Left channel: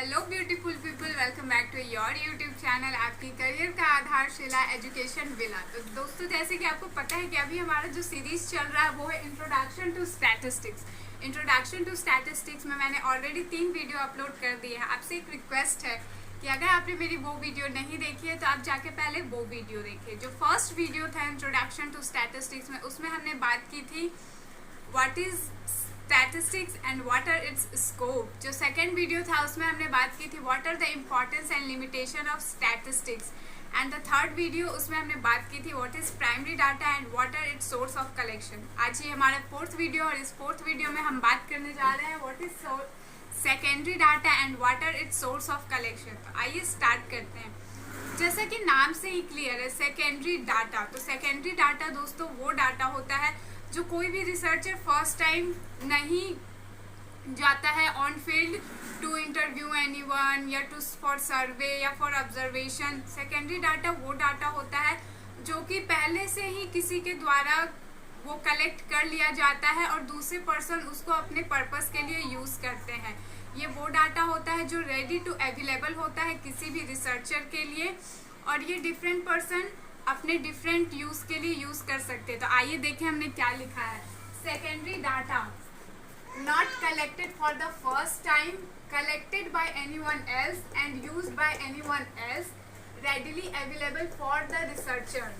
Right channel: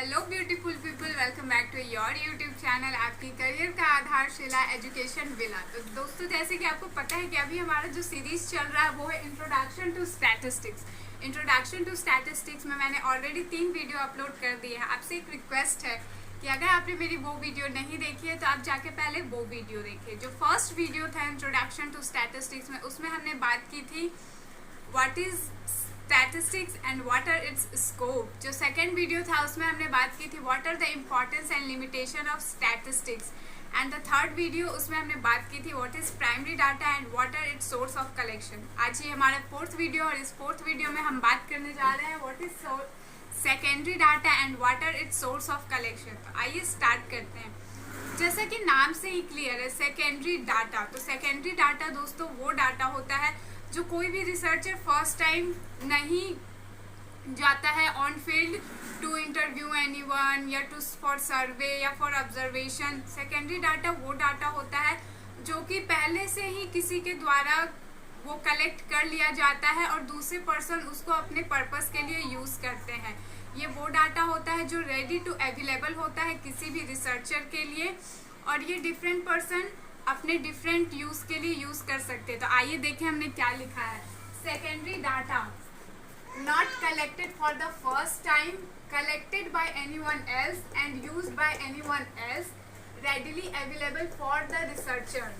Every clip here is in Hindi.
Hello beautiful people, welcome back to your YouTube channel आपकी करियर का आधारशिला एजुकेशन विला। तो दोस्तों, जैसे कि आपको पता है कि अभी हमारा जो सीरीज चल रहा है वो है introduction to statistics. Introduction to statistics में मैंने ऑलरेडी 3 वीडियो अपलोड कर दिए हैं। आपसे एक रिक्वेस्ट है कि अगर आपने मेरी वो वीडियो नहीं देखी है तो आप जाके पहले वो वीडियो देखिए। जो फर्स्ट वीडियो था इंट्रोडक्शन टू स्टैटिस्टिक्स में, उसमें हमने बात की थी what is statistics and what are its scope. जो सेकेंड वीडियो था उसमें हमने बात की थी what are the importance and limitation of statistics. And the third video, उसमें हमने बात की थी what is primary data and what are its source of collection. आज ये हमारा फोर्थ वीडियो, और इस फोर्थ वीडियो में हम बात करने जा रहे हैं what is secondary data and what are its source of collection. तो आइए स्टार्ट करते हैं। जैसा कि नाम से ही क्लियर है, सेकेंडरी डाटा। तो सेकेंडरी डाटा दोस्तों वो डाटा होता है जो कोई भी रिसर्चर फर्स्ट टाइम नहीं जाता है on field to interview anyone या टू फॉर सर्वे या फॉर ऑब्जर्वेशन। सेकेंडरी डाटा वो डाटा होता है जो कि पहले से ही किसी के द्वारा वो कलेक्ट कर लिया जाता है और दूसरे पर्सन उसको अपने पर्पस के लिए यूज करते हैं। ये वो डाटा होता है जो रेडी टू अवेलेबल होता है किसी भी रिसर्चर के लिए, और ये डिफरेंट पर्सन अपने डिफरेंट यूज के लिए यूज कर सकते हैं। तो आइए देखें हमने क्या लिखा है। Secondary data not collected for the first time, collected by anyone else and used by anyone else, readily available for the researcher.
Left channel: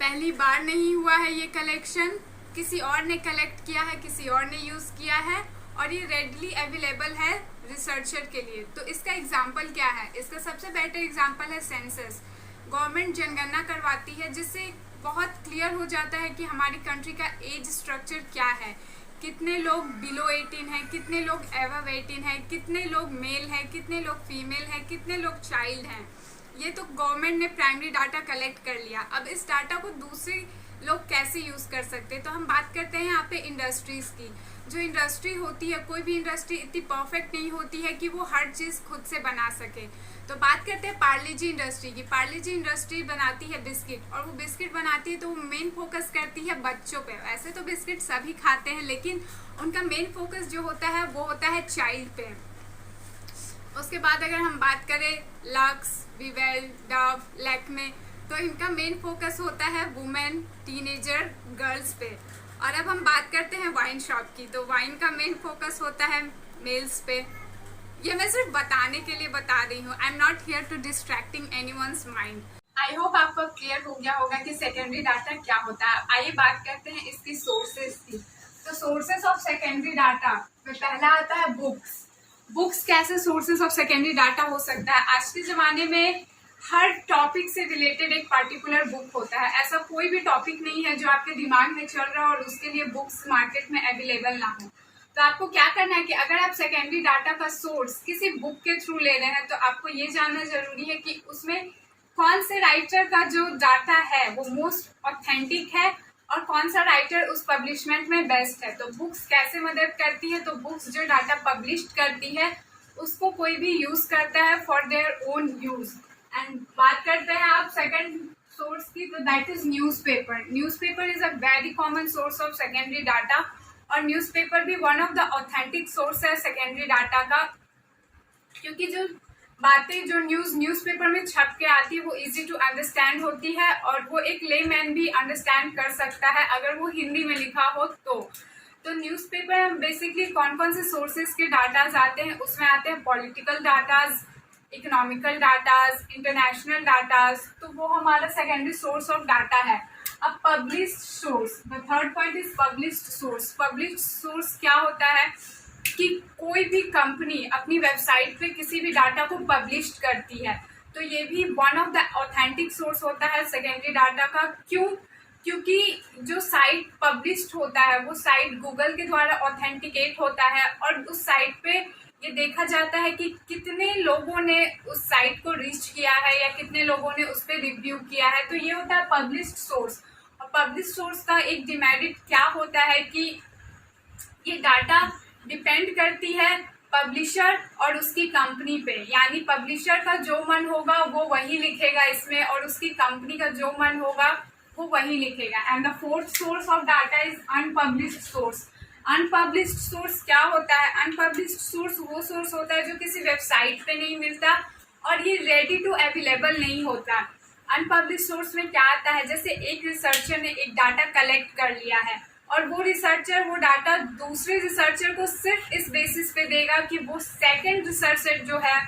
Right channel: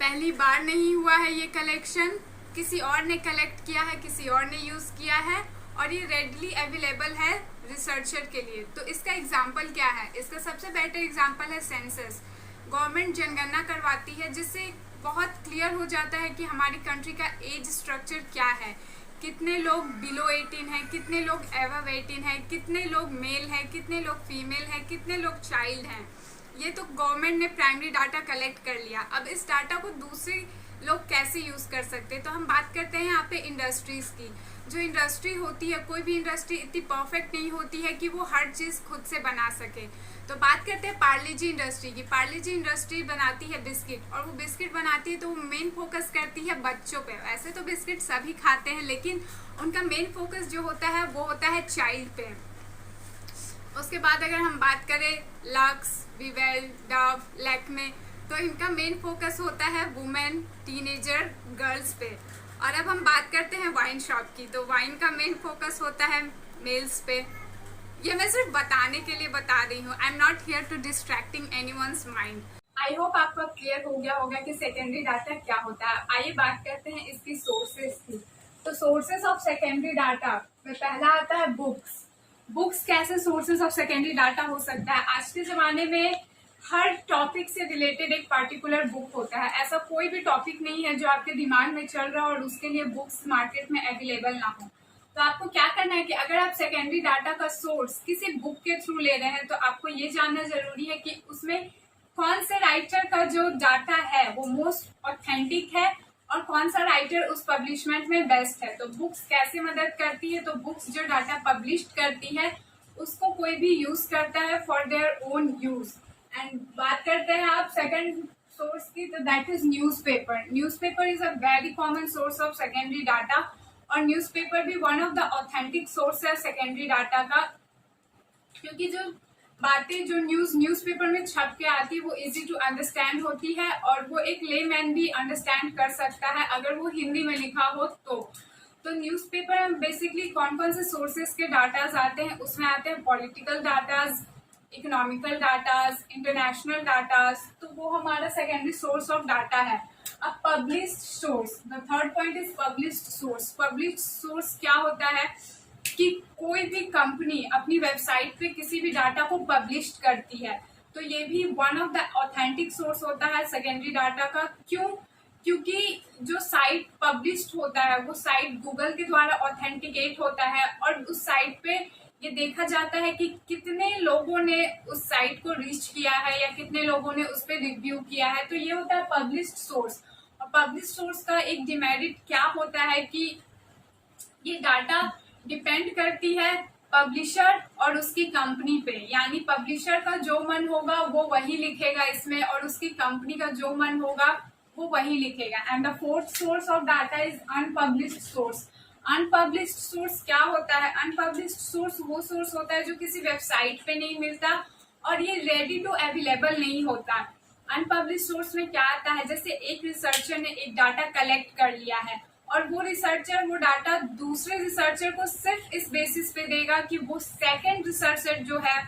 पहली बार नहीं हुआ है ये कलेक्शन, किसी और ने कलेक्ट किया है, किसी और ने यूज किया है, और ये रेडली अवेलेबल है रिसर्चर के लिए। तो इसका एग्जाम्पल क्या है? इसका सबसे बेटर एग्जाम्पल है सेंसस। गवर्नमेंट जनगणना करवाती है जिससे बहुत क्लियर हो जाता है कि हमारी कंट्री का एज स्ट्रक्चर क्या है, कितने लोग बिलो 18 हैं, कितने लोग एवव 18 हैं, कितने लोग मेल हैं, कितने लोग फीमेल हैं, कितने लोग चाइल्ड हैं। ये तो गवर्नमेंट ने प्राइमरी डाटा कलेक्ट कर लिया। अब इस डाटा को दूसरे लोग कैसे यूज कर सकते हैं? तो हम बात करते हैं यहाँ पे इंडस्ट्रीज की। जो इंडस्ट्री होती है, कोई भी इंडस्ट्री इतनी परफेक्ट नहीं होती है कि वो हर चीज खुद से बना सके। तो बात करते हैं पार्ले जी इंडस्ट्री की। पार्ले जी इंडस्ट्री बनाती है बिस्किट, और वो बिस्किट बनाती है तो वो मेन फोकस करती है बच्चों पे। वैसे तो बिस्किट सभी खाते हैं, लेकिन उनका मेन फोकस जो होता है वो होता है चाइल्ड पे। उसके बाद अगर हम बात करें लक्स, विवेल, डव, लैक्मे, तो इनका मेन फोकस होता है वुमेन, टीनेजर, गर्ल्स पे। और अब हम बात करते हैं वाइन शॉप की, तो वाइन का मेन फोकस होता है मेल्स पे। ये मैं सिर्फ बताने के लिए बता रही हूँ। I am not here to distracting anyone's mind. I hope आपको क्लियर हो गया होगा कि सेकेंडरी डाटा क्या होता है। आइए बात करते हैं इसकी सोर्सेज की। तो सोर्सेज ऑफ सेकेंडरी डाटा में पहला आता है बुक्स। बुक्स कैसे सोर्सेज ऑफ सेकेंडरी डाटा हो सकता है? आज के ज़माने में हर टॉपिक से रिलेटेड एक पार्टिकुलर बुक होता है। ऐसा कोई भी टॉपिक नहीं है जो आपके दिमाग में चल रहा है और उसके लिए बुक्स मार्केट में अवेलेबल ना हो। तो आपको क्या करना है कि अगर आप सेकेंडरी डाटा का सोर्स किसी बुक के थ्रू ले रहे हैं तो आपको ये जानना जरूरी है कि उसमें कौन से राइटर का जो डाटा है वो मोस्ट ऑथेंटिक है और कौन सा राइटर उस पब्लिशमेंट में बेस्ट है। तो बुक्स कैसे मदद करती है? तो बुक्स जो डाटा पब्लिश करती है उसको कोई भी यूज करता है for their own use. And बात करते हैं आप सेकंड सोर्स की, तो that is newspaper. Newspaper is a very common source of secondary data, और न्यूज़पेपर भी one of the authentic source है सेकेंडरी डाटा का, क्योंकि जो बातें जो न्यूज़पेपर में छप के आती है वो इजी टू अंडरस्टैंड होती है, और वो एक लेमैन भी अंडरस्टैंड कर सकता है अगर वो हिंदी में लिखा हो तो न्यूज़पेपर में बेसिकली कौन कौन से सोर्सेज के डाटाज आते हैं? उसमें आते हैं political datas, economical datas, international datas. तो वो हमारा सेकेंडरी सोर्स ऑफ डाटा है। अब published source, the third point is published source. Published source क्या होता है कि कोई भी कंपनी अपनी वेबसाइट पे किसी भी डाटा को पब्लिश करती है, तो ये भी one of the authentic source होता है सेकेंडरी डाटा का। क्यों? क्योंकि जो साइट पब्लिश्ड होता है वो साइट गूगल के द्वारा ऑथेंटिकेट होता है, और उस साइट पे ये देखा जाता है कि कितने लोगों ने उस साइट को रीच किया है या कितने लोगों ने उस पर रिव्यू किया है। तो ये होता है पब्लिश्ड सोर्स। और पब्लिश्ड सोर्स का एक डिमेरिट क्या होता है कि ये डाटा डिपेंड करती है पब्लिशर और उसकी कंपनी पे, यानी पब्लिशर का जो मन होगा वो वही लिखेगा इसमें, और उसकी कंपनी का जो मन होगा वो वही लिखेगा। And the fourth source of data is unpublished source. Unpublished source क्या होता है? अनपब्लिश्ड सोर्स वो सोर्स होता है जो किसी वेबसाइट पे नहीं मिलता और ये रेडी टू अवेलेबल नहीं होता। अनपब्लिश्ड सोर्स में क्या आता है, जैसे एक रिसर्चर ने एक डाटा कलेक्ट कर लिया है और वो रिसर्चर वो डाटा दूसरे रिसर्चर को सिर्फ इस बेसिस पे देगा कि वो सेकंड रिसर्चर जो है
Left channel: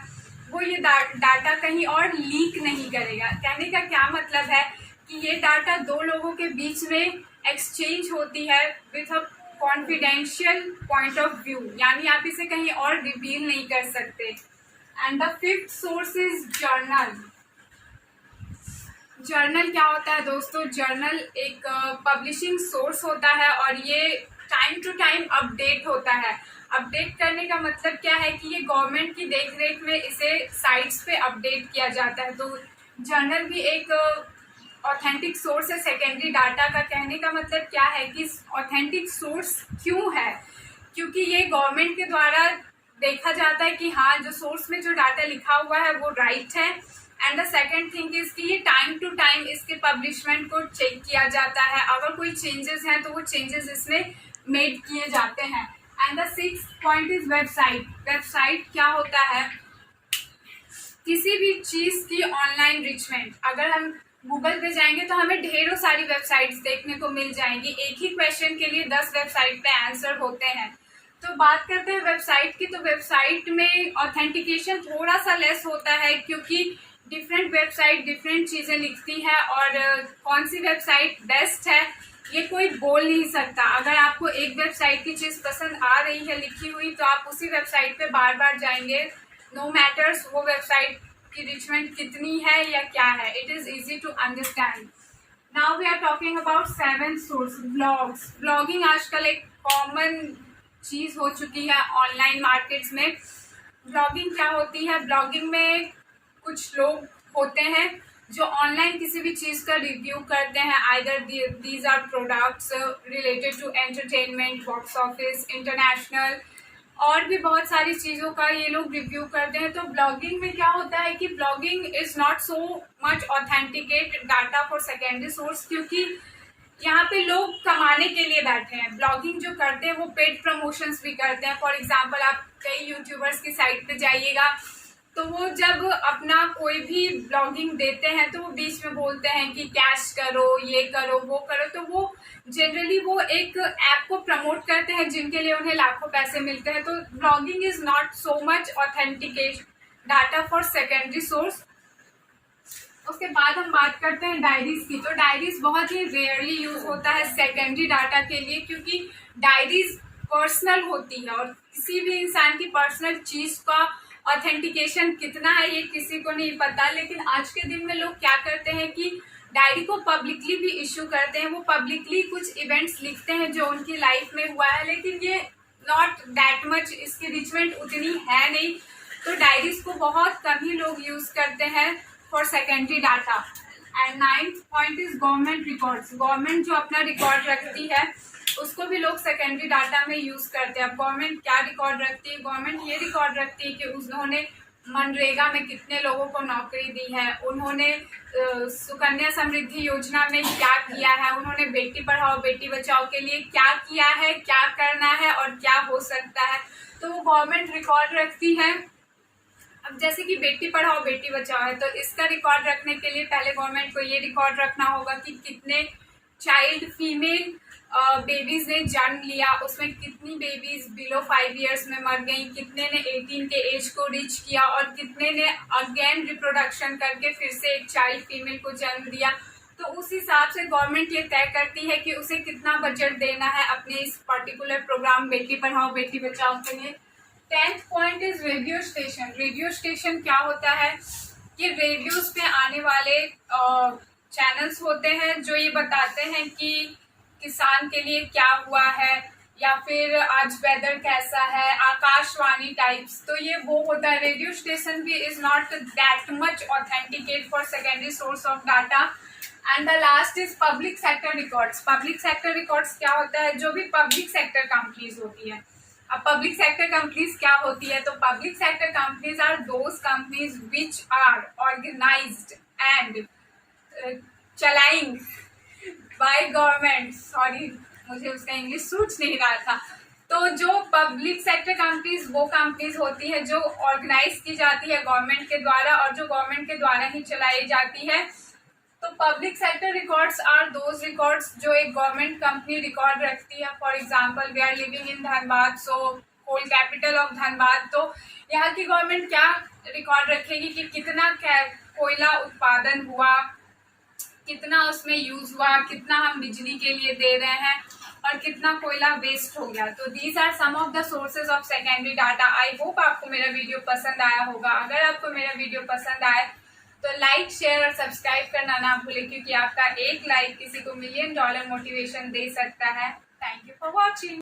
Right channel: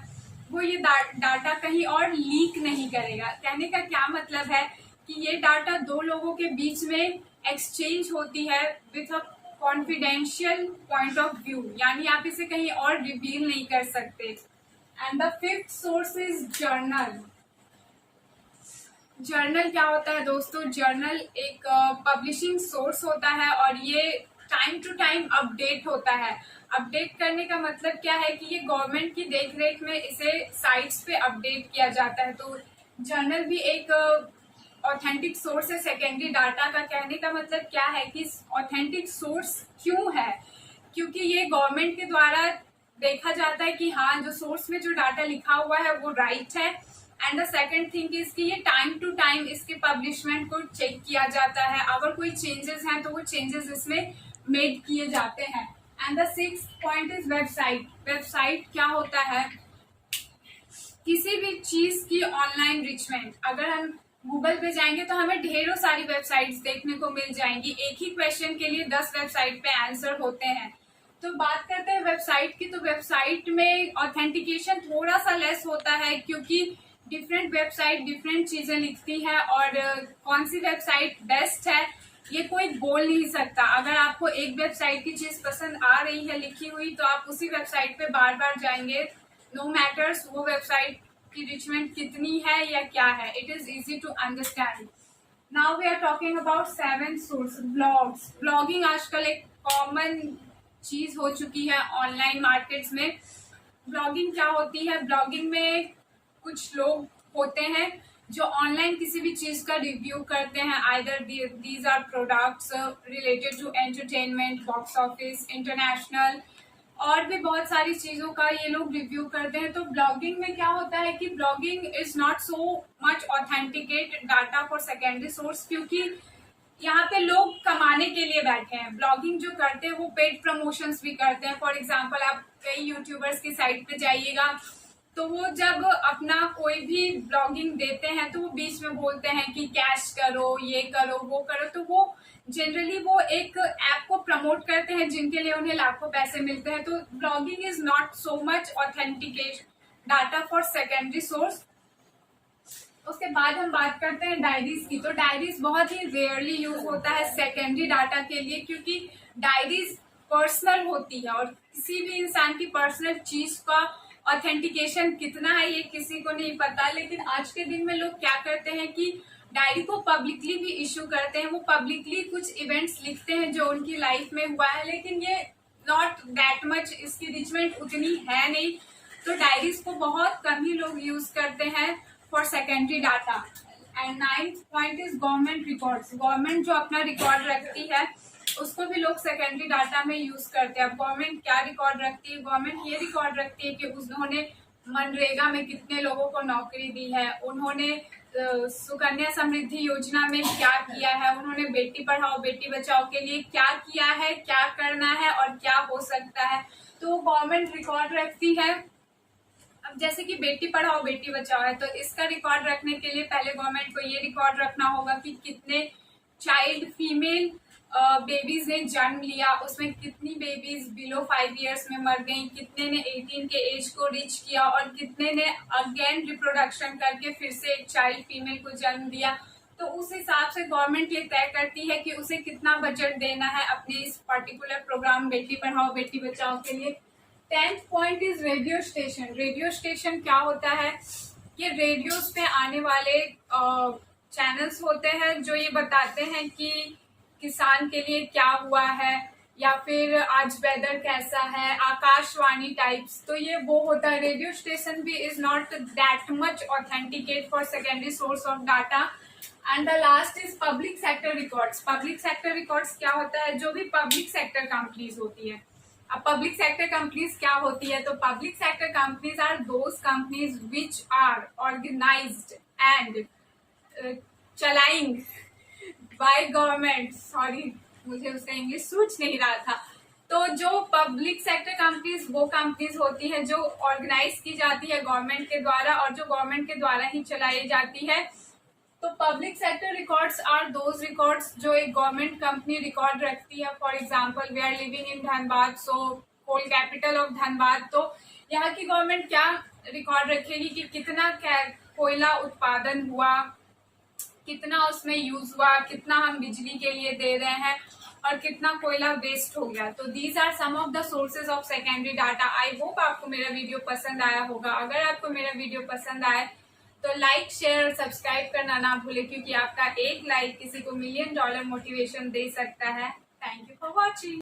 वो ये डाटा कहीं और लीक नहीं करेगा। कहने का क्या मतलब है कि ये डाटा दो लोगों के बीच में एक्सचेंज होती है with a confidential point of view, यानी आप इसे कहीं और रिवील नहीं कर सकते। And the fifth source is journal. Journal क्या होता है दोस्तों? जर्नल एक पब्लिशिंग सोर्स होता है और ये टाइम टू टाइम अपडेट होता है। अपडेट करने का मतलब क्या है कि ये गवर्नमेंट की देखरेख में इसे साइट्स पे अपडेट किया जाता है। तो जर्नल भी एक ऑथेंटिक सोर्स है सेकेंडरी डाटा का। कहने का मतलब क्या है कि ऑथेंटिक सोर्स क्यों है? क्योंकि ये गवर्नमेंट के द्वारा देखा जाता है कि हाँ, जो सोर्स में जो डाटा लिखा हुआ है वो राइट है। And the second thing is कि ये टाइम टू टाइम इसके पब्लिशमेंट को चेक किया जाता है। अगर कोई चेंजेस हैं तो वो चेंजेस इसमें मेड किए जाते हैं। And the sixth point is website. Website क्या होता है? किसी भी चीज की ऑनलाइन रिचमेंट। अगर हम गूगल पे जाएंगे तो हमें ढेरों सारी वेबसाइट्स देखने को मिल जाएंगी। एक ही क्वेश्चन के लिए 10 वेबसाइट पे आंसर होते हैं। तो बात करते हैं वेबसाइट की, तो वेबसाइट में ऑथेंटिकेशन थोड़ा सा लेस होता है क्योंकि डिफरेंट वेबसाइट डिफरेंट चीजें लिखती है और कौन सी वेबसाइट बेस्ट है ये कोई बोल नहीं सकता। अगर आपको एक वेबसाइट की चीज पसंद आ रही है लिखी हुई तो आप उसी वेबसाइट पे बार बार जाएंगे, नो मैटर्स वो वेबसाइट की रिचमेंट कितनी है या क्या है। It is easy to understand. Now we are talking about seven source. Blogs. Blogging आजकल एक कॉमन चीज हो चुकी है ऑनलाइन मार्केट्स में। ब्लॉगिंग क्या होती है? ब्लॉगिंग में कुछ लोग होते हैं जो ऑनलाइन किसी भी चीज का रिव्यू करते हैं। Either these are products related to entertainment, box office, international और भी बहुत सारी चीजों का ये लोग रिव्यू करते हैं। तो ब्लॉगिंग में क्या होता है कि blogging is not so much authenticate data for secondary source, क्योंकि यहाँ पे लोग कमाने के लिए बैठे हैं। ब्लॉगिंग जो करते हैं वो पेड प्रमोशंस भी करते हैं। फॉर एग्जांपल आप कई यूट्यूबर्स की साइट पे जाइएगा तो वो जब अपना कोई भी ब्लॉगिंग देते हैं तो वो बीच में बोलते हैं कि कैश करो, ये करो, वो करो। तो वो जनरली वो एक ऐप को प्रमोट करते हैं जिनके लिए उन्हें लाखों पैसे मिलते हैं। तो blogging is not so much authenticate data for secondary source. उसके बाद हम बात करते हैं डायरीज की। तो डायरीज बहुत ही रेयरली यूज होता है सेकेंडरी डाटा के लिए, क्योंकि डायरीज पर्सनल होती है और किसी भी इंसान की पर्सनल चीज का ऑथेंटिकेशन कितना है ये किसी को नहीं पता। लेकिन आज के दिन में लोग क्या करते हैं कि डायरी को पब्लिकली भी इश्यू करते हैं। वो पब्लिकली कुछ इवेंट्स लिखते हैं जो उनकी लाइफ में हुआ है, लेकिन ये नॉट दैट मच, इसकी रिचमेंट उतनी है नहीं। तो डायरीज को बहुत कम ही लोग यूज करते हैं for secondary data. And ninth point is government records. Government जो अपना रिकॉर्ड रखती है उसको भी लोग सेकेंडरी डाटा में यूज करते हैं। अब गवर्नमेंट क्या रिकॉर्ड रखती है? गवर्नमेंट ये रिकॉर्ड रखती है कि उन्होंने मनरेगा में कितने लोगों को नौकरी दी है, उन्होंने सुकन्या समृद्धि योजना में क्या किया है, उन्होंने बेटी पढ़ाओ बेटी बचाओ के लिए क्या किया है, क्या करना है और क्या हो सकता है। तो गवर्नमेंट रिकॉर्ड रखती है। अब जैसे कि बेटी पढ़ाओ बेटी बचाओ है तो इसका रिकॉर्ड रखने के लिए पहले गवर्नमेंट को ये रिकॉर्ड रखना होगा कि कितने चाइल्ड फीमेल बेबीज ने जन्म लिया, उसमें कितनी बेबीज बिलो 5 इयर्स में मर गई, कितने ने 18 के एज को रीच किया और कितने ने अगेन रिप्रोडक्शन करके फिर से एक चाइल्ड फीमेल को जन्म दिया। तो उस हिसाब से गवर्नमेंट ये तय करती है कि उसे कितना बजट देना है अपने इस पर्टिकुलर प्रोग्राम बेटी पढ़ाओ बेटी बचाओ के लिए। 10th point is radio station. Radio station क्या होता है कि रेडियोज पे आने वाले चैनल्स होते हैं जो ये बताते हैं कि किसान के लिए क्या हुआ है या फिर आज वेदर कैसा है, आकाशवाणी टाइप्स। तो ये वो होता है। रेडियो स्टेशन भी is not that much authenticate for secondary source of data. And the last is public sector records. Public sector records क्या होता है? जो भी पब्लिक सेक्टर कंपनीज होती है। अब पब्लिक सेक्टर कंपनीज क्या होती है? तो public sector companies are those companies which are organised and चलाइंग बाय गवर्नमेंट। सॉरी, मुझे उसका इंग्लिश सूझ नहीं रहा था। तो जो पब्लिक सेक्टर कंपनीज वो कंपनीज होती है जो ऑर्गेनाइज की जाती है गवर्नमेंट के द्वारा और जो गवर्नमेंट के द्वारा ही चलाई जाती है। तो public sector records are those records जो एक गवर्नमेंट कंपनी रिकॉर्ड रखती है। For example we are living in Dhanbad, so coal capital of Dhanbad, तो यहाँ की गवर्नमेंट क्या रिकॉर्ड रखेगी कि कितना कोयला उत्पादन हुआ, कितना उसमें यूज हुआ, कितना हम बिजली के लिए दे रहे हैं और कितना कोयला वेस्ट हो गया। तो these are some of the sources of secondary data. I hope आपको मेरा वीडियो पसंद आया होगा। अगर आपको मेरा वीडियो पसंद आए तो लाइक, शेयर और सब्सक्राइब करना ना भूले, क्योंकि आपका एक लाइक किसी को $1 मिलियन मोटिवेशन दे सकता है। Thank you for watching.